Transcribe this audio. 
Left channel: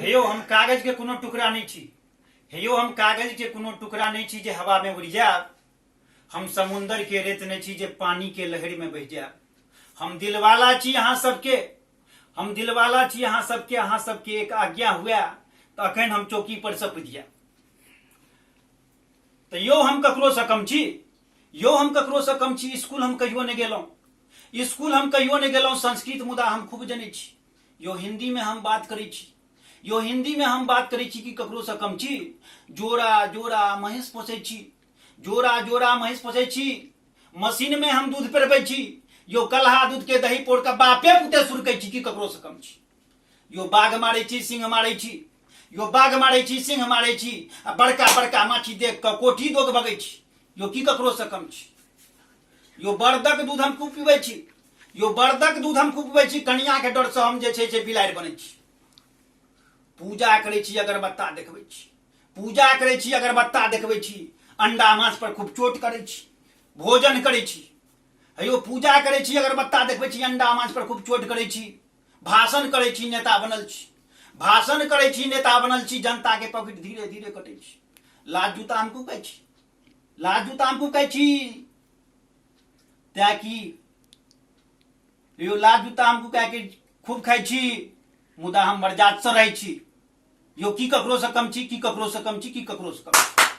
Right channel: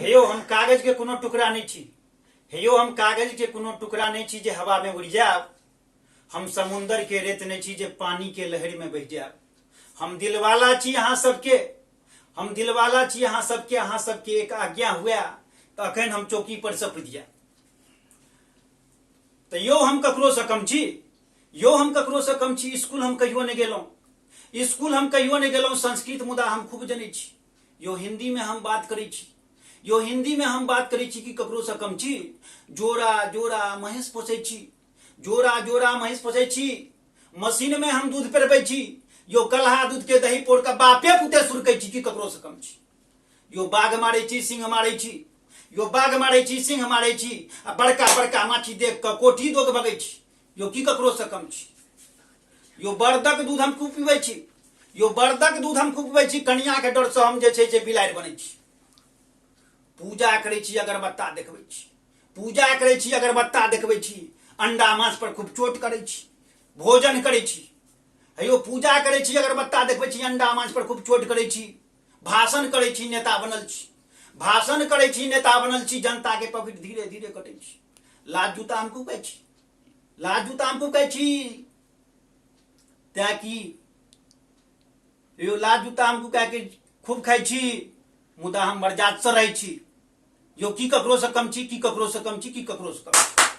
हेयो हम कागज के कोनो टुकड़ा नहीं छी। हेयो हम कागज के कोनो टुकड़ा नहीं छी जे हवा में उड़ जाए। हम समुंदर के रेत नहीं छी जे पानी के लहर में बह जाए। हम दिलवाला छी अहाँ सबके, हम दिलवाला छी अहाँ सबके, अहाँ सबके एक आज्ञा हुआ तो अखन हम चौकी पर सप दिया। तो यो हम ककरो से कम छी, यो हम ककरो से कम छी। स्कूल हम कहियो नहीं गेलौं, स्कूल हम कहियो नहीं गेलौं। संस्कृत मुदा हम खूब जनै छी। यो हिंदी में हम बात करै छी, यो हिंदी में हम बात करै छी कि ककरो से कम छी। जोरा जोरा महींस पोसै छी, जोरा जोरा महींस पोसै छी। मशीन में हम दूध पेरबै छी। यो कल्हा दूध के दही पोड़ के बापे पुते सुरकै छी कि ककरो से कम छी। यो बाघ मारै छी, सिंह मारै छी, यो बाघ मारै छी, सिंह मारै छी। आ बड़का बड़का माछी देख के कोठी दोग भगै छी। यो की ककरो से कम छी। यो बरदक दूध हम खूब पीबै छी, यो बरदक दूध हम खूब पीबै छी। कनिया के डर से हम जे छै से बिलाड़ि बनै छी। पूजा करै छी, अगरबत्ता देखबै छी, पूजा करै छी, अगरबत्ता देखबै छी। अंडा मांस पर खूब चोट करै छी, भोजन करै छी। हेयो पूजा करै छी, अगरबत्ता देखबै छी, अंडा मांस पर खूब चोट करै छी। भाषण करै छी, नेता बनल छी, भाषण करै छी, नेता बनल छी। जनता के पॉकेट धीरे धीरे कटै छी। लाज जूता हम खूब कहै छी, लाज जूता हम खूब कहै छी। तै कि यो लाज जूता हम खूब खाइ छी, मुदा हम बरजात से रहै छी। यो की ककरो से कम छी, की ककरो से कम छी, की ककरो से कम छी।